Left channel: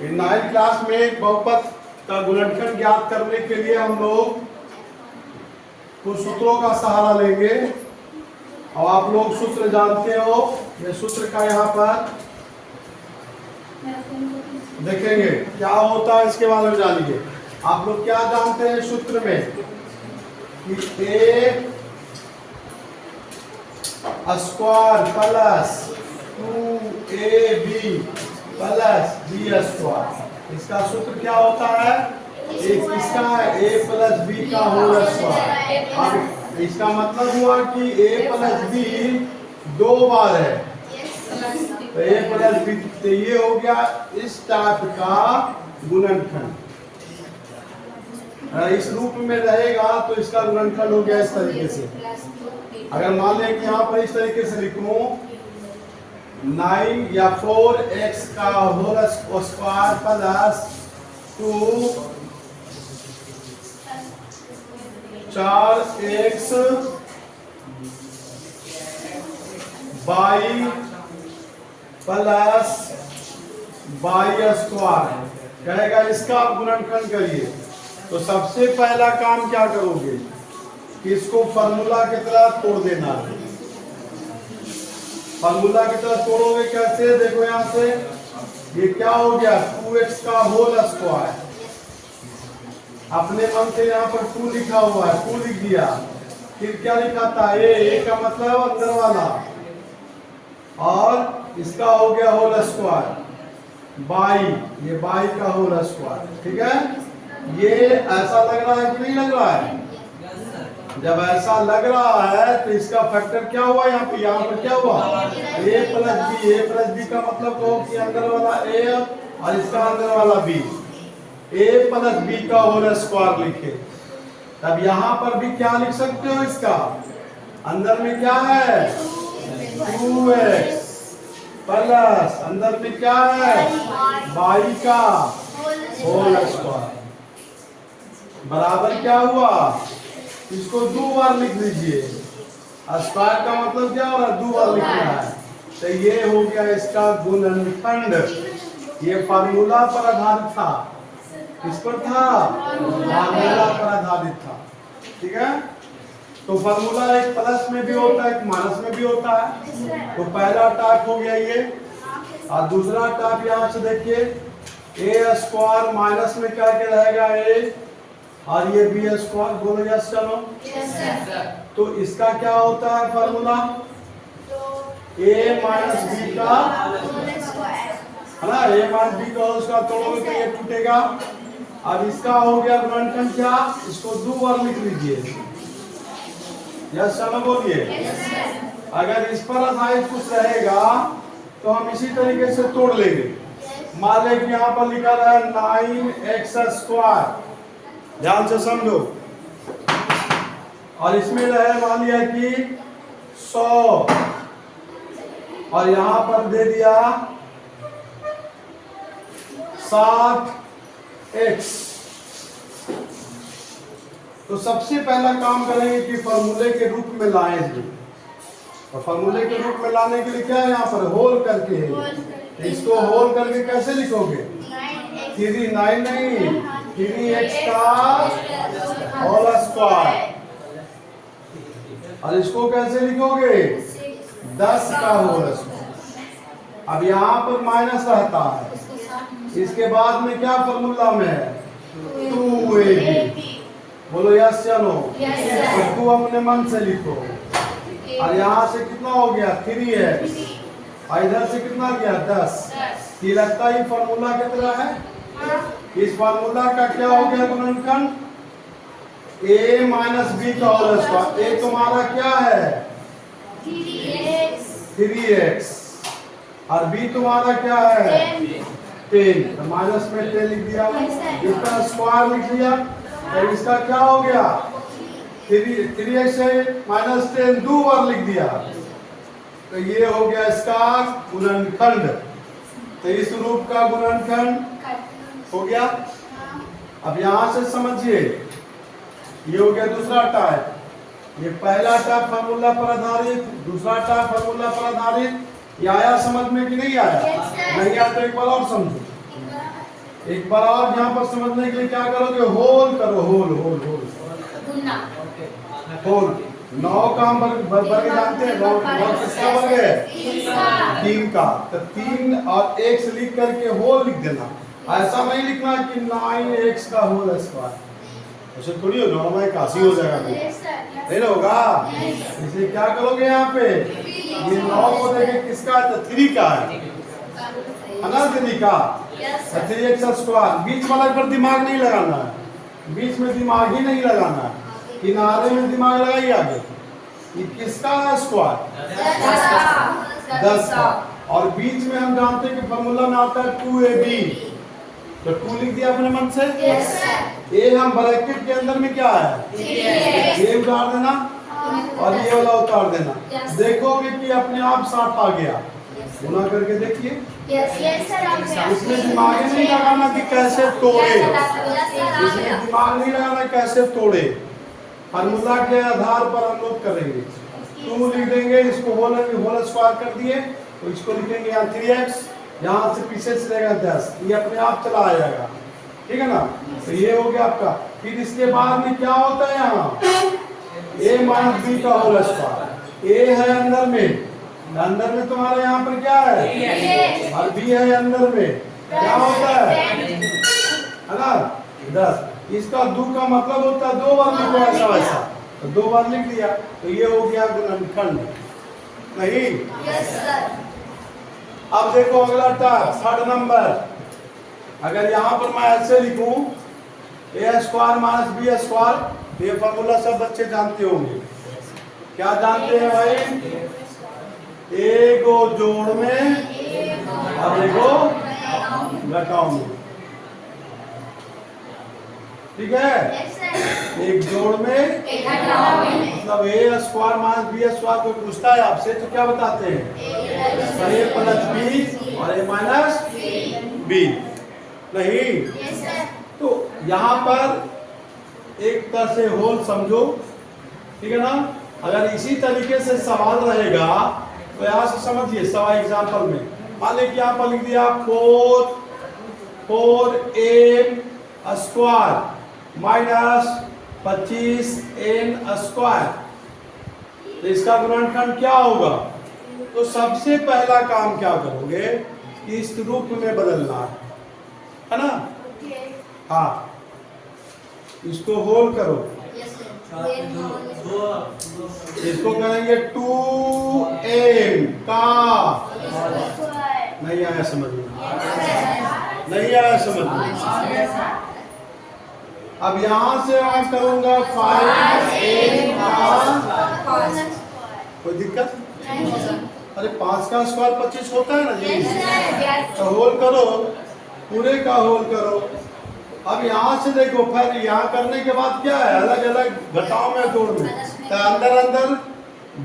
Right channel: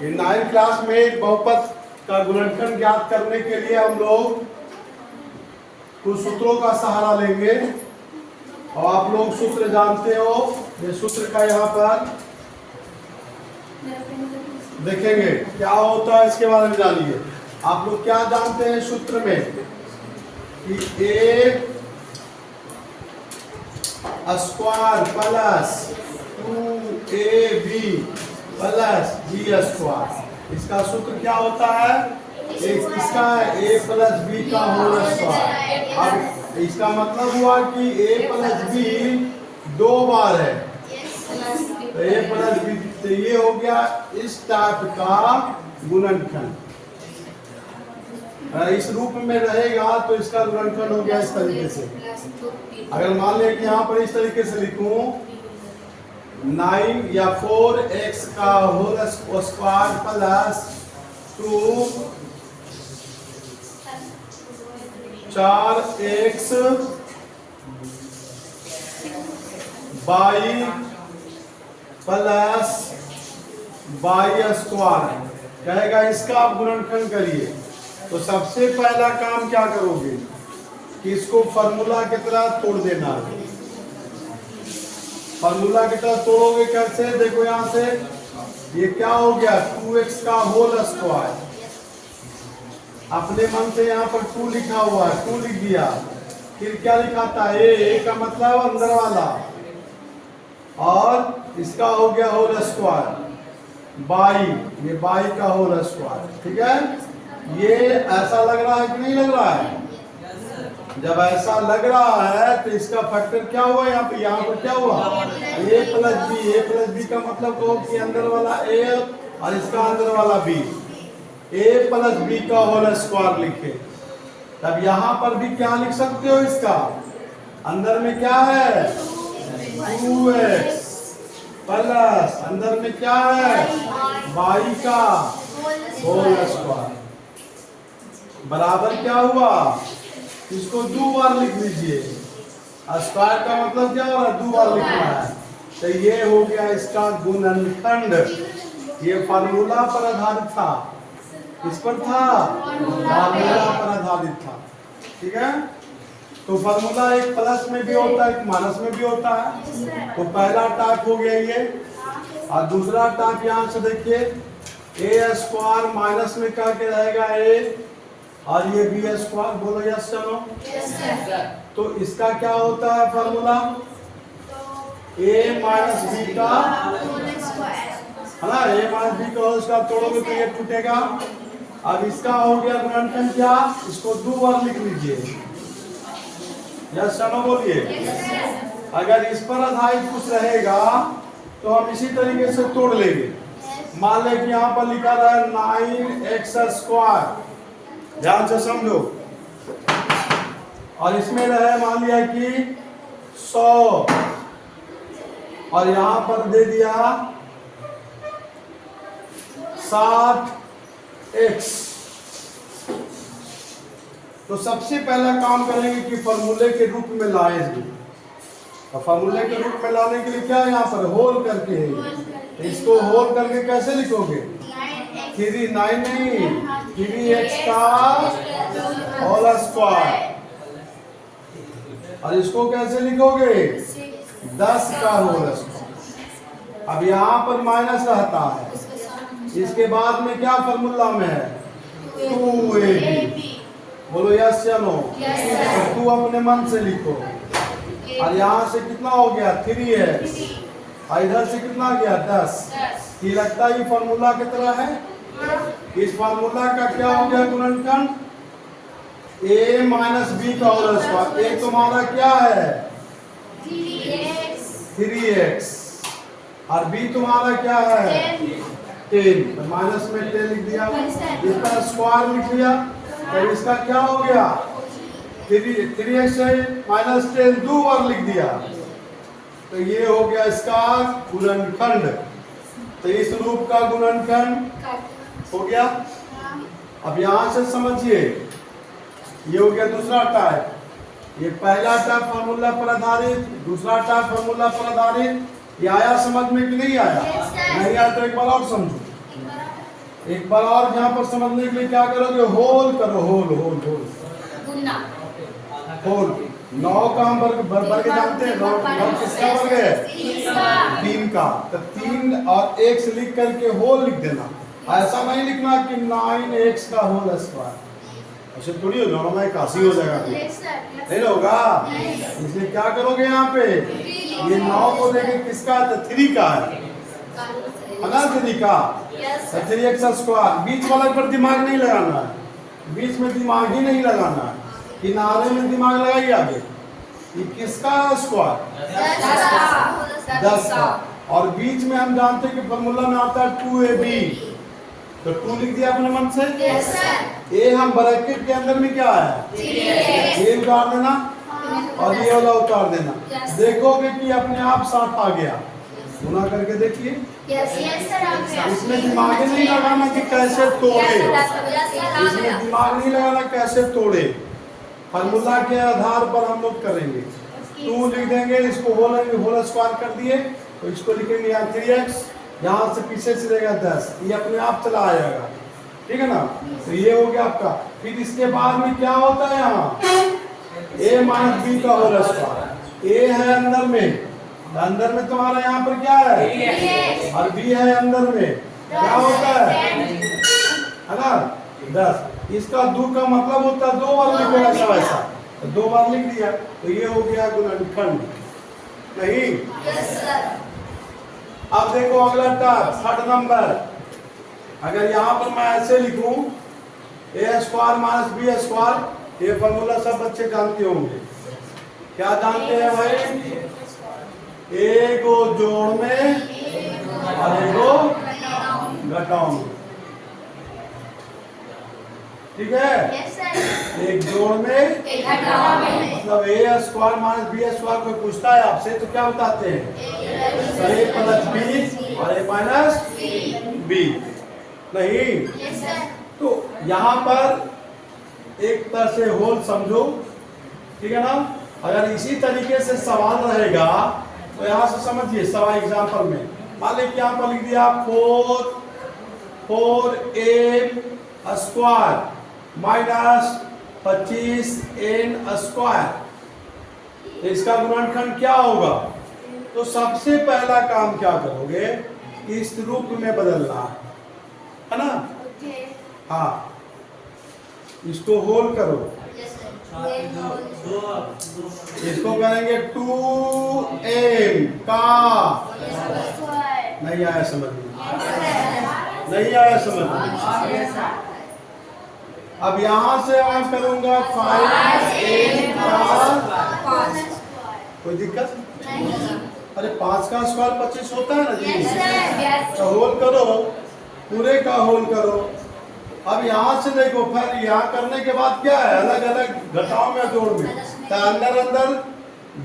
9th class में बहुपद का गुणनखंड ज्ञात करने के लिए हम लोग कुछ सूत्रों का सहारा लेंगे और आप लोग सूत्र जानते हो। ये सूत्र का यहाँ पर देखेंगे क्या होता है, इसके बारे में जानिए। आप लोग क्या जानते हैं सूत्र में कि a square plus 2ab plus B square, इसका सूत्र क्या होता है? इसका ए प्लस बी का होल स्क्वायर। अब इसका मतलब हुआ कि ए प्लस बी दो बार है, तो ए प्लस बी, तो ये हो गया इस टाइप का गुणनखंड। इस रूप में रहेगा तो इसका गुणनखंड हो गया इस तरीके से। अगर मान लें कि यहाँ पर इस तरीके से लिखूं 9 या 4x का whole square plus 4x y plus y square कहेगा, इसका आप गुणनखंड करिए। तो सबसे पहला काम क्या करोगे कि इसको फार्मूला की तरह तोड़ देना है। फार्मूला की तरह तोड़ोगे कैसे? देखो यहाँ से ये क्या हो गया 2x का होल स्क्वायर, अपने मन से यहाँ पर 2 लिखा हुआ है, 2 लिख दिया। फिर क्या लिखा था? ए का मतलब अंदर वाला, और इसका हो गया होल स्क्वायर बाई, ये बाई का होल स्क्वायर। ठीक है, ये ऐसा लग रहा है कि नहीं लग रहा है? जब ऐसा लग रहा है तो इसका फैक्टर क्या हुआ? यहाँ पर क्या हुआ? a plus B. A plus B का मतलब कहो कि अंदर वाला a और इसका अंदर वाला b, a प्लस बी का होल स्क्वायर लिखे। तब यहाँ पर भी क्या लिख सकते हो? इसका अंदर में क्या है 2x प्लस अंदर में क्या है बाई का होल स्क्वायर बराबर क्या हुआ? इसको 2 बार लिख लीजिए। स्क्वायर का मतलब क्या हो रहा है? 2 बार लिखना है। तो ये हो गया इसका गुणनखंड। ये फार्मूला पर आधारित था। किस पर था? फार्मूला पर आधारित था। ठीक है, तो फार्मूला एक प्लस में भी होता है, एक माइनस में भी होता है। तो पहला टाइप हो गया ये, और दूसरा टाइप यहाँ से देखिए ए स्क्वायर माइनस में करके रहेगा ए, और ये बी स्क्वायर। बोलो यस चलो। तो इसका क्या होता है फार्मूला? ए माइनस बी का, है ना, ए माइनस बी का होल स्क्वायर तोड़ोगे तो ये टूटेगा। अब इसका हो गया गुणनखंड क्या? इसको 2 बार लिख लीजिए। यस चलो बोलिए। अगर इस पर आधारित कुछ रहेगा तो हम इसी तरीके से तोड़ लेंगे। मान लें कि यहाँ पर लिखा रहा है 9x स्क्वायर, ध्यान से समझो, और इसमें रहे मान लिया कि 100, और यहां पर दे दिया 60x। तो सबसे पहला काम करेंगे कि फॉर्मूले के रूप में लाएंगे, और फॉर्मूले के रूप में लाने के लिए क्या है यहाँ पर होल करके है। तो इसको होल करके कैसे लिखोगे? 9 नहीं 3x का होल स्क्वायर, और इसको कैसे लिखोगे? 10 का होल स्क्वायर। अब यहाँ पर माइनस रहता है, इसके बाद में क्या फॉर्मूला में है 2ab। बोलो यस चलो। तो 2 अपने मन से लिखो, और यहाँ से कितना हो गया 3x, और इधर से कितना गया 10। ये लगता है फॉर्मूला की तरह है। इस फार्मूला का क्या हो गया गुणनखंड? a माइनस बी का होल स्क्वायर। a तुम्हारा क्या है 3x, और b तुम्हारा क्या है 10। तो माइनस में 10 लिख दिया, इसका स्क्वायर लिख लिया। तो इसका क्या हो गया 3x से माइनस 10 2 बार लिख दिया। तो ये हो गया इसका गुणनखंड। तो इस रूप का गुणनखंड हो गया। अब यहां से समझिए, ये हो गया दूसरा टाइप। ये पहला टाइप फार्मूला पर आधारित, दूसरा टाइप फार्मूला पर आधारित। ये आया समझ में कि नहीं आया? नहीं आया तो एक बार और समझो। एक बार और यहाँ पर समझने के लिए क्या करोगे, होल करो, होल होल होल होल। 9 का हम वर्ग जानते हैं, 9 किसका वर्ग है, 3 का। तो 3 और 1 से लिख करके होल लिख देना। ऐसा नहीं लिखना कि 9x का होल स्क्वायर, ऐसे थोड़ी हो, 9 में 81 हो जाएगा, नहीं होगा। इसलिए क्या करोगे यहाँ पे, ये 9 को देखे किसका है, तो 3 का है ना, 3 का 3x स्क्वायर। बीच वाला पर दिमाग नहीं लगाना है, बीच में दिमाग ही नहीं लगाना है, किनारे में दिमाग लगाइए आगे। ये किसका है स्क्वायर, 10 का। और बीच में हम जानते हैं कि फॉर्मूला में आता है 2ab, तो 2 लिख दिया अपने मन से। ए हम ब्रैकेट के अंदर में क्या है, ए उतार देना और ये वाला उतार देना। देखोगे कि अपने आप साथ आ गया, गुना करके देखिए। इसमें दिमाग ही नहीं लगाना कि कैसे तोड़े, इसमें दिमाग नहीं लगाना कैसे तोड़े, फार्मूला के आधार पर हम लोग करेंगे। 2 लिख देंगे, इसको होल स्क्वायर कर दिए, तो इसको लिखेंगे यहाँ 3x, यहाँ से पीछे से रहेगा 10, ये अपने आप चला आएगा, ठीक है ना। तो ये हो गया आपका। फिर इसके बाद में क्या होता है, यहाँ a माइनस बी का होल स्क्वायर। a है अंदर में, अंदर में तुम्हारा यहाँ पर क्या है, और b है अंदर में, क्या होता है ना 10। इसका 2 का मतलब होता है 2 बार लिखो, ऐसा वैसा, तो 2 बार लिख दिया, तो ये हो गया गुणनखंड, नहीं। अब देखो अगला टास्क, 3rd नंबर। अगर यहाँ पर मैं ऐसे लिखूं a square minus B square, ये फॉर्मूला सब बच्चे जानते होंगे। क्या जानते हैं भाई, एक को जोड़ में और एक को घटाओ में, ठीक है। एक जोड़ में मतलब a square minus B square, कोई पूछता है आपसे तो क्या बताते हैं, a प्लस बी और a माइनस बी, नहीं। तो यहाँ पर एक तरह से होल समझो, ठीक है ना। अगर इसी तरीके से सवाल रहेगा तो यहाँ से समझिए, सवाल एग्जाम्पल में मान लीजिए यहाँ पर लिख दिया 4a square minus 25n square, तो इसका गुणनखंड क्या होगा। तो सबसे पहला काम क्या करोगे कि इस रूप में बदलना है ना। हाँ, इसको होल करो, इसको करेंगे 2n का, नहीं आया समझ में, नहीं आया समझ में। अब यहाँ से मैं करूंगा 5n का, कोई दिक्कत, अरे 5 का स्क्वायर 25 होता है ना जी, तो होल करो, पूरे का होल करो। अब यहाँ से देखो, फिर यहाँ करने के बाद क्या है, अलग अलग घटाओ में जोड़ में, तो अंदर अंदर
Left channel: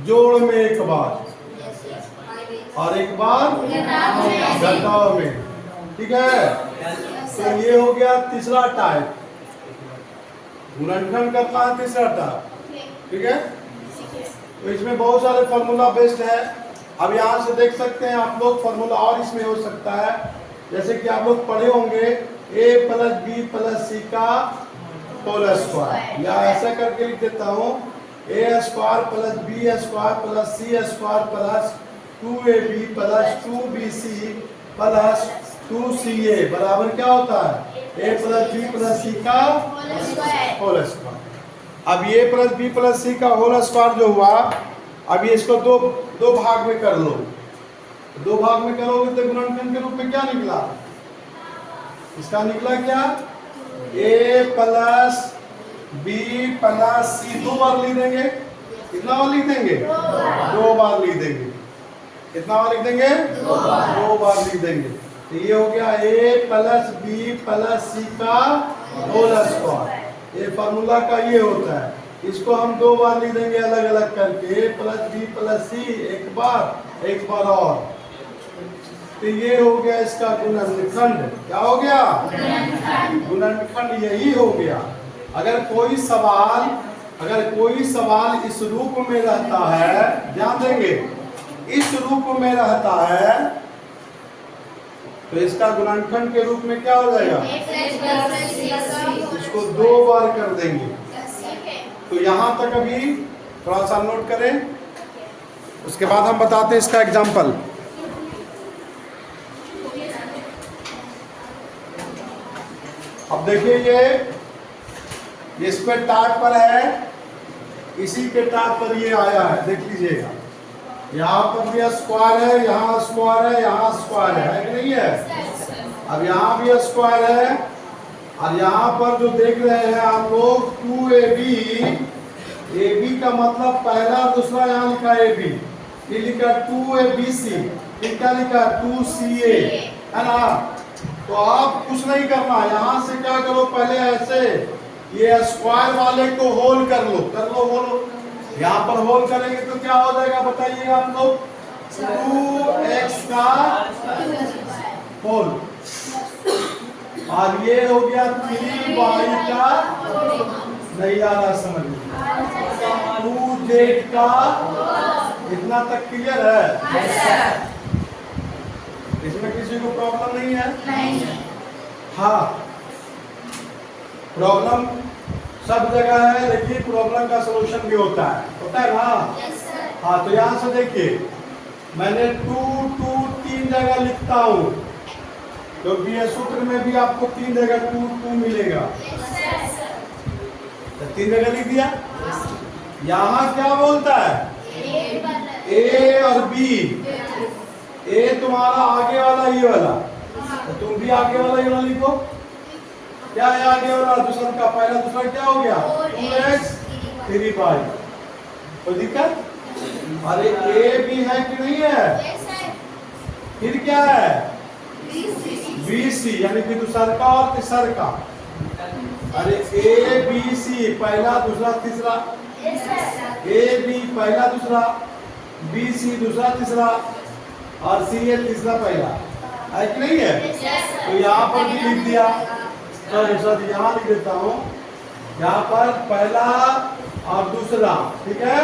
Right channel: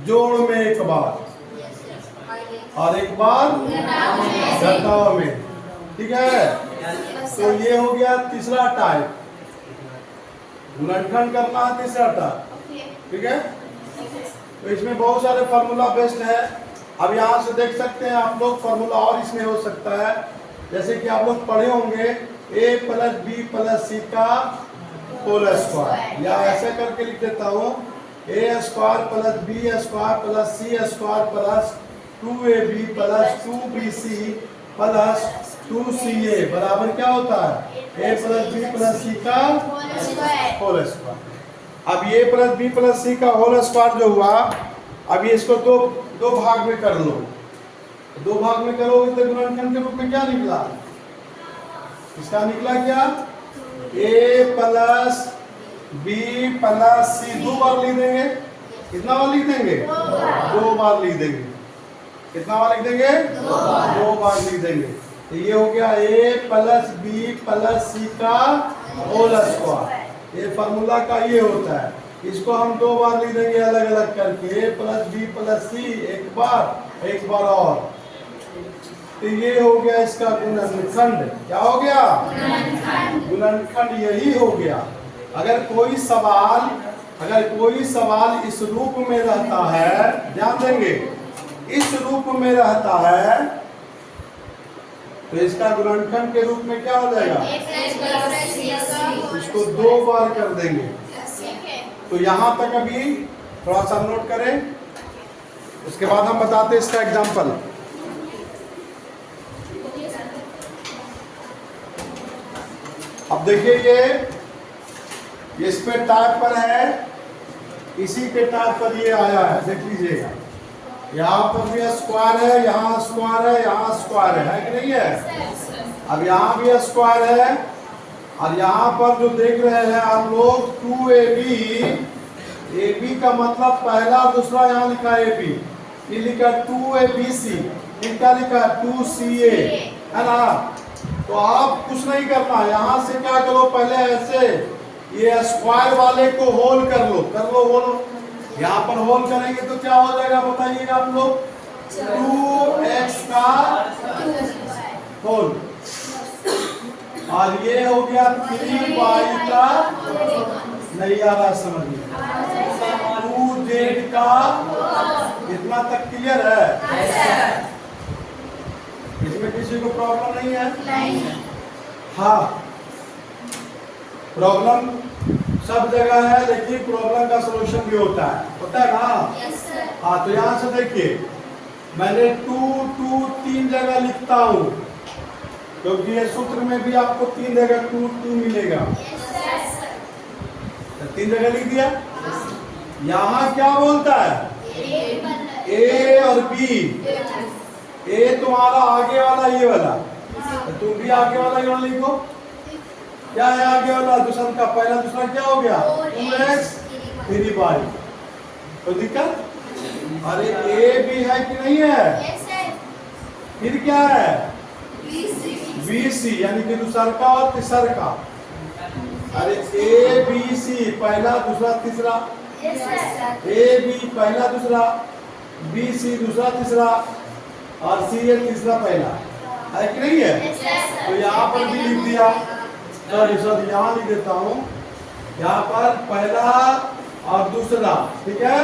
जोड़ में एक बार और एक बार घटाओ में, ठीक है। तो ये हो गया तीसरा टाइप, गुणनखंड करना है तीसरा टाइप, ठीक है। तो इसमें बहुत सारे फार्मूला बेस्ड है। अब यहाँ से देख सकते हैं आप लोग, फार्मूला और इसमें हो सकता है, जैसे कि आप लोग पढ़े होंगे a plus B plus C का होल स्क्वायर, या ऐसा करके लिख देता हूँ a square plus B square plus C square plus 2ab plus 2bc plus 2ca बराबर क्या होता है, a plus B plus C का होल स्क्वायर। अब ये प्लस बी प्लस सी का होल स्क्वायर जो हुआ, अब ये इसको दो भाग में कर लो, 2 भाग में करोगे तो गुणनखंड के रूप में क्या निकला, इसका निकला क्या, a प्लस बी प्लस सी, 2 बार लिख देंगे, कितना बार लिख देंगे, 2 बार लिख देंगे, कितना बार लिख देंगे, 2 बार लिख देंगे। तो ये हो गया a plus B plus C का होल स्क्वायर। ये फार्मूला का ये होता है, इसको हम 2 बार लिख देंगे अलग अलग करके, a प्लस बी प्लस सी एक बार और। तो ये हो गया इसका गुणनखंड, क्या हो गया, गुणनखंड यही हो गया। अगर कोई सवाल इस रूप में रहता है, ध्यान देंगे, इस रूप में रहता है, तो इसका गुणनखंड के रूप में क्या हो जाएगा? इसको 2 बार कर देंगे। तो यहां तक अभी थोड़ा सा नोट करें, उसके बाद हम बताते हैं इसका एग्जाम्पल। अब देखिए ये इस पे टाइप पर है, इसी के टाइप पर ये आया है, देख लीजिएगा। यहाँ पर भी स्क्वायर है, यहाँ स्क्वायर है, यहाँ स्क्वायर है कि नहीं है? अब यहाँ भी स्क्वायर है, और यहाँ पर जो देख रहे हैं हम लोग 2AB, AB का मतलब पहला दूसरा, यहाँ लिखा AB, ये लिखा 2ABC, फिर क्या लिखा 2CA, है ना? तो आप कुछ नहीं करना, यहाँ से क्या करो, पहले ऐसे ये स्क्वायर वाले को होल कर लो होल। यहाँ पर होल करेंगे तो क्या हो जाएगा बताइए आप लोग? 2x का होल, और ये हो गया 3y का, नहीं आ रहा समझ में, 2z का, इतना तक क्लियर है? इसमें किसी को प्रॉब्लम नहीं है? नहीं। हाँ, प्रॉब्लम सब जगह है, लेकिन प्रॉब्लम का सलूशन भी होता है ना? हाँ, तो यहाँ से देखिए, मैंने 2 3 जगह लिखता हूँ, क्योंकि ये सूत्र में भी आपको 3 जगह 2 मिलेगा। तो 3 जगह लिख दिया। यहाँ क्या बोलता है? ए और बी। ए तुम्हारा आगे वाला ये वाला, तो तुम भी आगे वाला ये वाला लिखो। क्या है आगे वाला? दूसरा का पहला दूसरा क्या हो गया? 2x 3y। तो दिक्कत? अरे ए भी है कि नहीं है? फिर क्या है? BC, यानी कि दूसरा का और तीसरा का। अरे ABC पहला दूसरा तीसरा, AB पहला दूसरा, BC दूसरा तीसरा, और CA तीसरा पहला, है कि नहीं है? तो यहाँ पर भी लिख दिया। सॉरी यहाँ लिख देता हूँ, यहाँ पर पहला और दूसरा, ठीक है?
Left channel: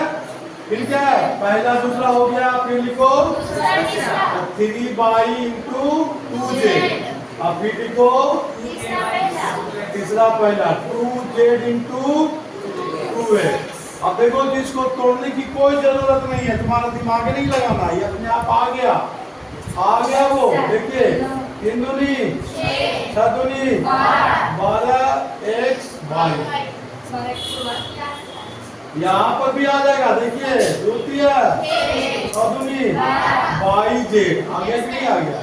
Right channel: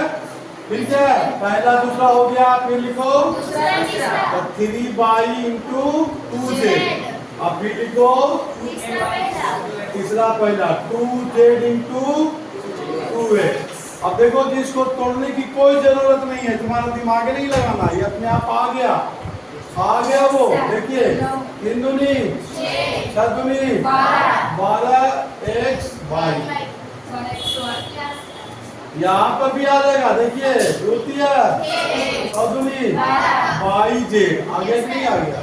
फिर क्या है? पहला दूसरा हो गया, फिर लिखो 3y इंटू 2z, और फिर लिखो तीसरा पहला 2z इंटू 2a। अब देखो कि इसको तोड़ने की कोई जरूरत नहीं है, तुम्हारा दिमाग नहीं लगाना, ये अपने आप आ गया वो। देखिए 3 दूनी 6 दूनी 12xy, यहाँ पर भी आ जाएगा। देखिए 2 3 6 दूनी 22z, आ गया कि नहीं आ गया?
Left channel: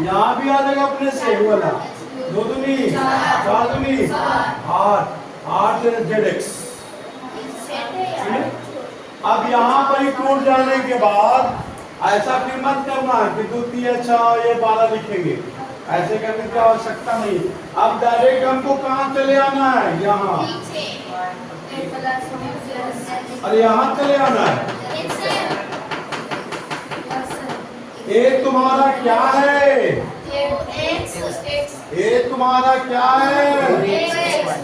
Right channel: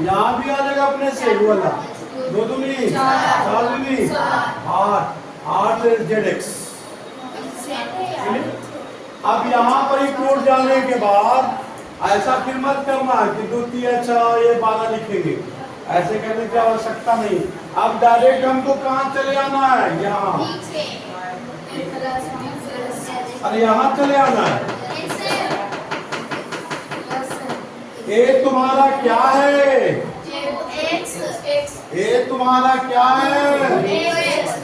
यहाँ भी आ जाएगा अपने से वो वाला, 2 दूनी 4 दूनी 8zx। अब यहाँ पर ही टूट जाने के बाद ऐसा फिर मत करना है कि 2 3 6 ये 12 लिखेंगे, ऐसे करने की आवश्यकता नहीं। अब डायरेक्ट हमको कहाँ चले आना है? यहाँ, अरे यहाँ चले आना है। ए तुम्हारा क्या है? ए तुम्हारा क्या है?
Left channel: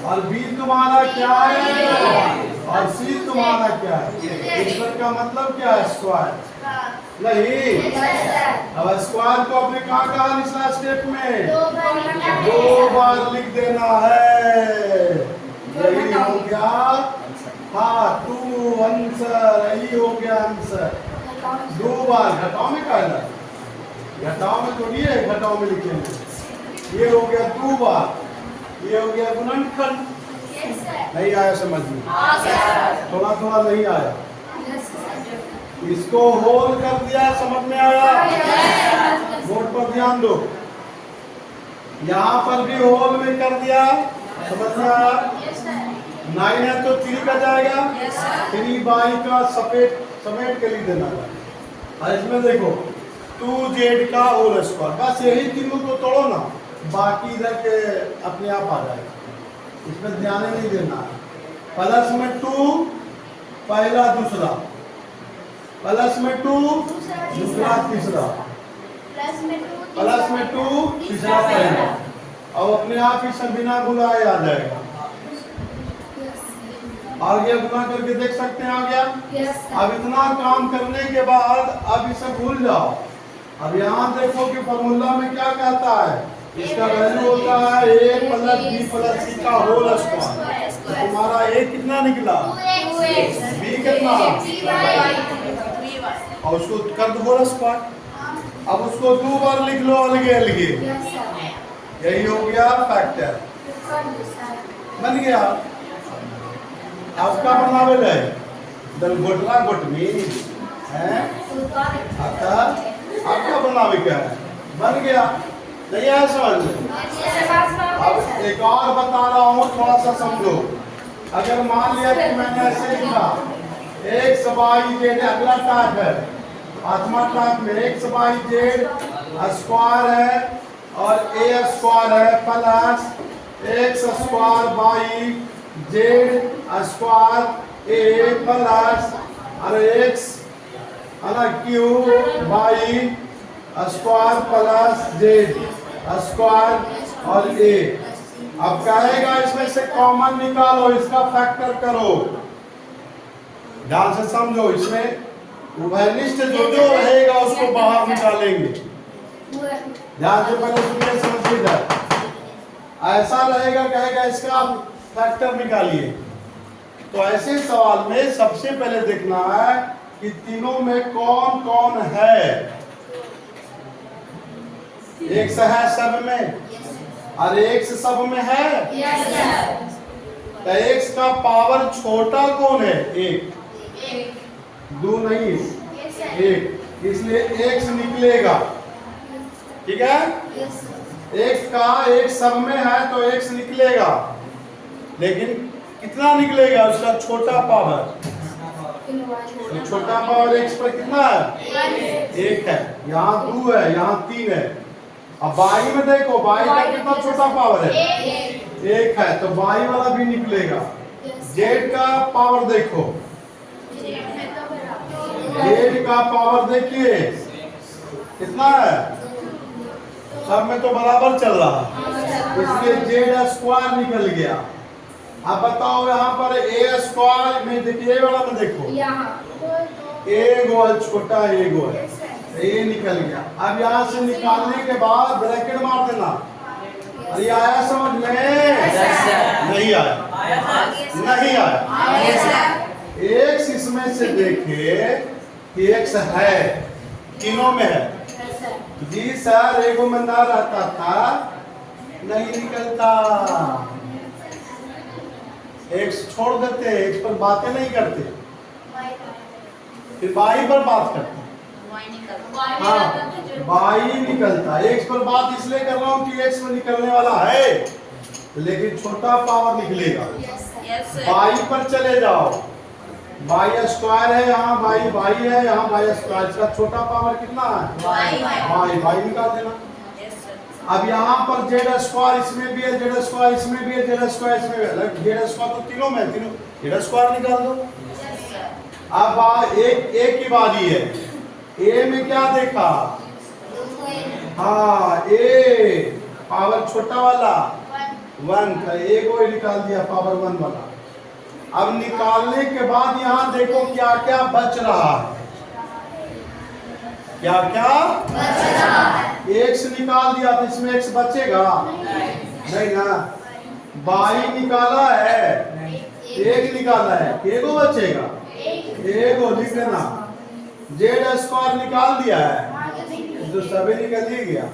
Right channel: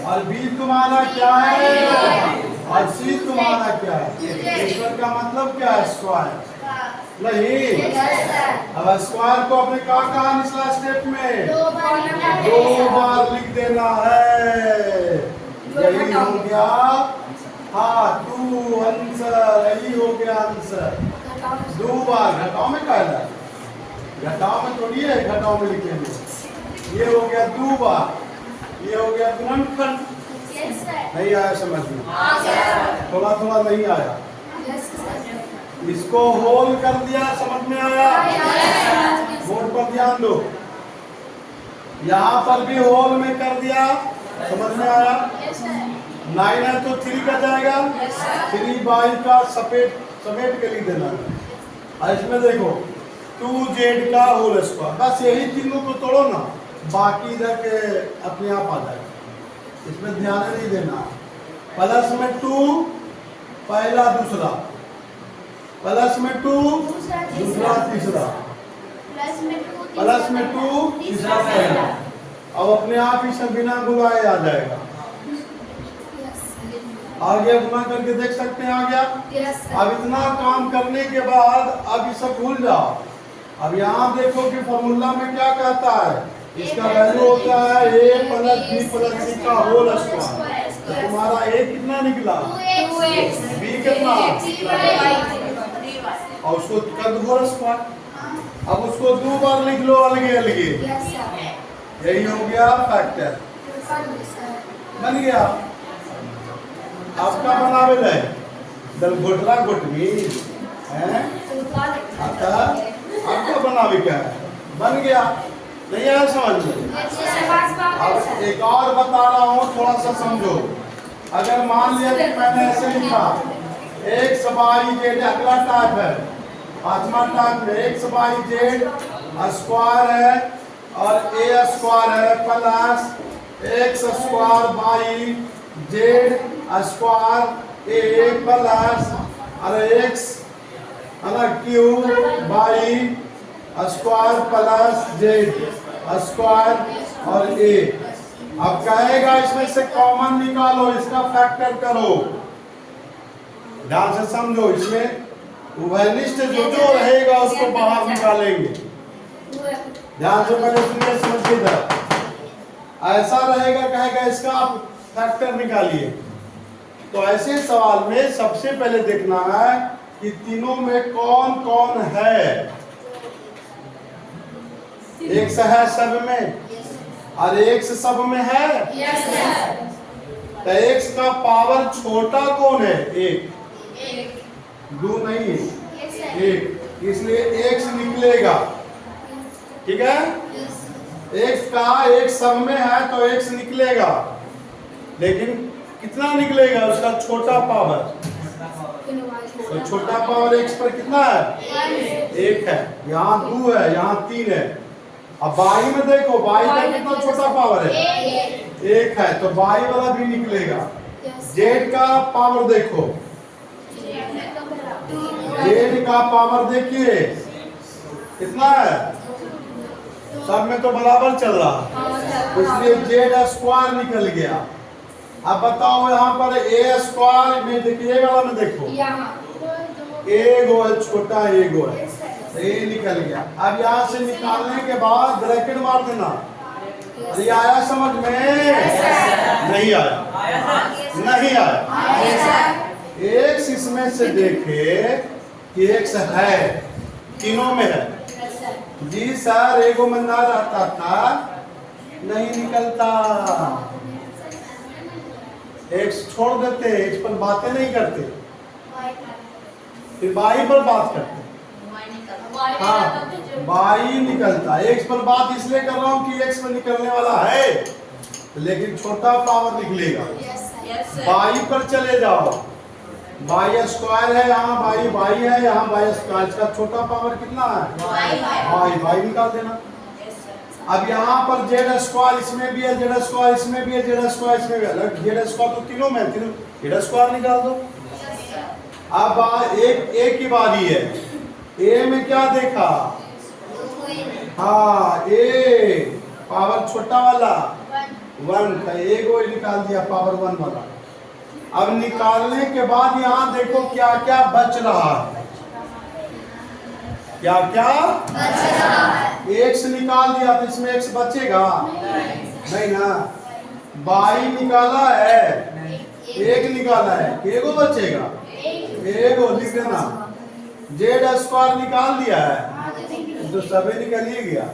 और बी तुम्हारा क्या है? और सी तुम्हारा क्या है? इसका मतलब क्या है? स्क्वायर नहीं। अब स्क्वायर को अपने कहाँ निचला स्टेप में 2 बार लिख देना है। यही हो गया, हाँ 2 आंसर, यही हो गया आंसर। 2 बार घटाओ में कहना, घटाओ में थोड़ी है, घटाओ में लिखेंगे। ये हो गया 2 बार, ये हो गया गुणनखंड। नहीं आया समझ में? थोड़ा नहीं आया। इसको होल कर दिया, समझ में आया? बोर्ड पर ध्यान दो, यहाँ पर भी होल में कर दिया, समझ में आया? 9 है तो 3 का जाएगा, 3y का समेट के लिख देना है। और इसमें देखो 2z का होल स्क्वायर, बस यही तीनों को तोड़ो ना, बाकी इधर के अपने आप आ जाएगा, इसमें ध्यान नहीं देना। प्लस में 2 पहला दूसरा, प्लस में 2 दूसरा तीसरा, प्लस में 2 तीसरा पहला। अब अपने आप ही सब बिना गुलाए आ जाएगा। आ गया, गुना करके देख सकते हैं आ गया। अब इतना काम करने के बाद अब ये सब भूल जाओ, अब यहाँ देखो कि फॉर्मूला में क्या कहता है, इसका वैल्यू होता है a plus b plus c का होल स्क्वायर। तो तुम्हारा a कितना निकला, b कितना, और उसको कर दो होल स्क्वायर। अब उसको 2 बार लिख लो अलगे अलगे, यही हो गया फैक्टर, बन गया। आपका बनावे ले दल गोटला गोटनी है, आपका बनावे क्या है, बन गया। नहीं आया समझ में? अब एक और बता रहा हूँ, थोड़ा सा समझो। अगर मान लिया कि मैंने ऐसे लिखा एक्स वाई जेड, अगला टाइप है, पांचवा टाइप में एक्स वाई जेड स्क्वायर है और ए स्क्वायर है plus x square y z square a plus अरे x q y square plus z square और ए। अब कहेगा इसमें से कॉमन निकालो, इसका फैक्टर करो, ध्यान से समझो। इसमें उभयनिष्ठ जो जो रहेगा उसको बाहर निकालेंगे, ध्यान से पहले सुनिए समझिए। ऐसा रहेगा, कहेगा इसका फैक्टर निकालिए। तो ऐसे सवाल में सबसे पहले देखना है कि तीनों में कौन कौन है। एक्स है सब में और एक्स सब में है, तो एक्स का पावर छोटा कौन है, एक, दो नहीं, एक, इसलिए एक्स निकलेगा। ठीक है, एक्स का एक सब में है तो एक्स निकलेगा, लेकिन कितना निकलेगा, उसका छोटा पावर। तो छोटा पावर एक्स पर कितना है, एक है, यहाँ 2 है, यहाँ 3 है। अब बाई में देखो, बाई का कितना छोटा पावर है, एक है, तो बाई वाला भी निकलेगा। जेड का पावर देखो, जेड का पावर देखिए कितना है, सब में तो बराबर चल रहा है, इसलिए जेड स्क्वायर निकल गया। अब बताओ यहाँ पर ए स्क्वायर में देखिए, ए वाला में देखो, ए गो है छोटा, ए गो है, ए निकल गया। अब यहाँ से निकालने के बाद ब्रैकेट मार देना। अरे आया समझ में? नहीं आया, नहीं आया। एक्स इसमें से देखे कि एक्स है, तीनों में है। जी सर, एगो में ना रहता था, नहीं निकलता। एक्स छोड़ देते, एक्स पर बातें नहीं करते, फिर बाई पर बात करते। हाँ, बाई निकलता। एक्स पर बात इसलिए कर रहा हूँ कि एक्स पर निकलने वाला है, लेकिन छोटा पावर निकलेगा। बाई पर चले जाओ, बाई स्क्वायर है, यहाँ बाई बाई है, यहाँ बाई स्क्वायर, इसका छोटा पावर कितना है, बाई, बाई निकाल देना। अब यहाँ पर जेड स्क्वायर इसमें भी है, जेड स्क्वायर इसमें भी है, जेड स्क्वायर इसमें भी है, जेड स्क्वायर तो तीनों में, तीनों जेड स्क्वायर निकाल दो। अब एक की बारी है, ए में क्या देखा, हाँ ए पावर छोटा वाला 1 था, ए को निकाल दिया पावर 1 वाला। अब निकालने के बाद यहाँ देखो क्या क्या बच रहा है, क्या क्या बच रहा है। एक्स निकाल दिया तो इसमें एक्स बचेगा नहीं ना, बाई निकाला है, एक निकाला है, एगो बचेगा, एगो लिख देना। जेड स्क्वायर निकाल दिया है तो सभी निकल ही गया।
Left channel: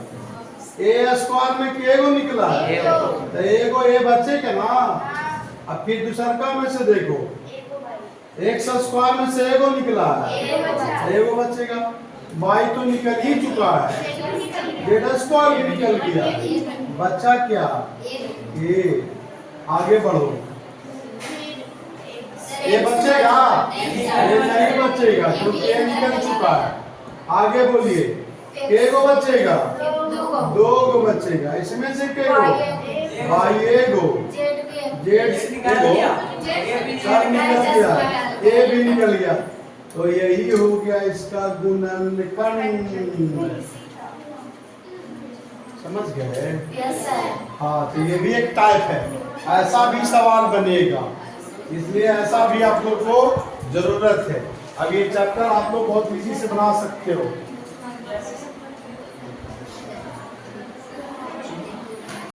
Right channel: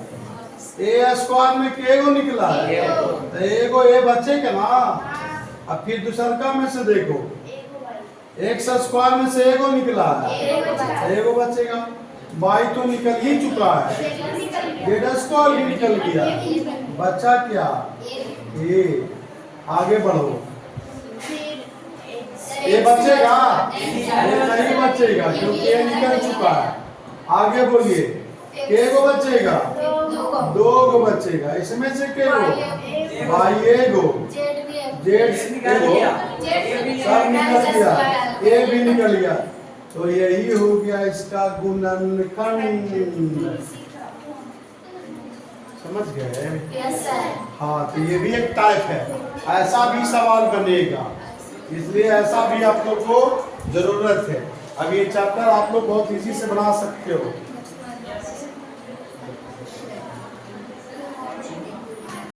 ए स्क्वायर में केगो निकला है, तो एगो ए बचेगा ना। अब फिर दूसरा में से देखो, एक्स स्क्वायर में से एगो निकला है, एगो बचेगा। बाई तो निकल ही चुका है, जेड स्क्वायर भी निकल गया, बच्चा क्या, ए। आगे बढ़ो, ए बचेगा, ए नहीं बचेगा क्योंकि ए निकल चुका है। आगे बोलिए, केगो बचेगा, 2 गो बचेगा, इसमें से केगो, बाई एगो, जेड एगो, सब निकल गया, ए भी निकल गया। तो यही हो गया इसका गुणनखंड। समझ गए? हाँ, तो ये भी एक टाइप है, ऐसा भी सवाल बनेगा, इसलिए ऐसा भी आप लोग को जरूरत है। अब ये चैप्टर आप लोग बहुत इजी से बना सकते हो।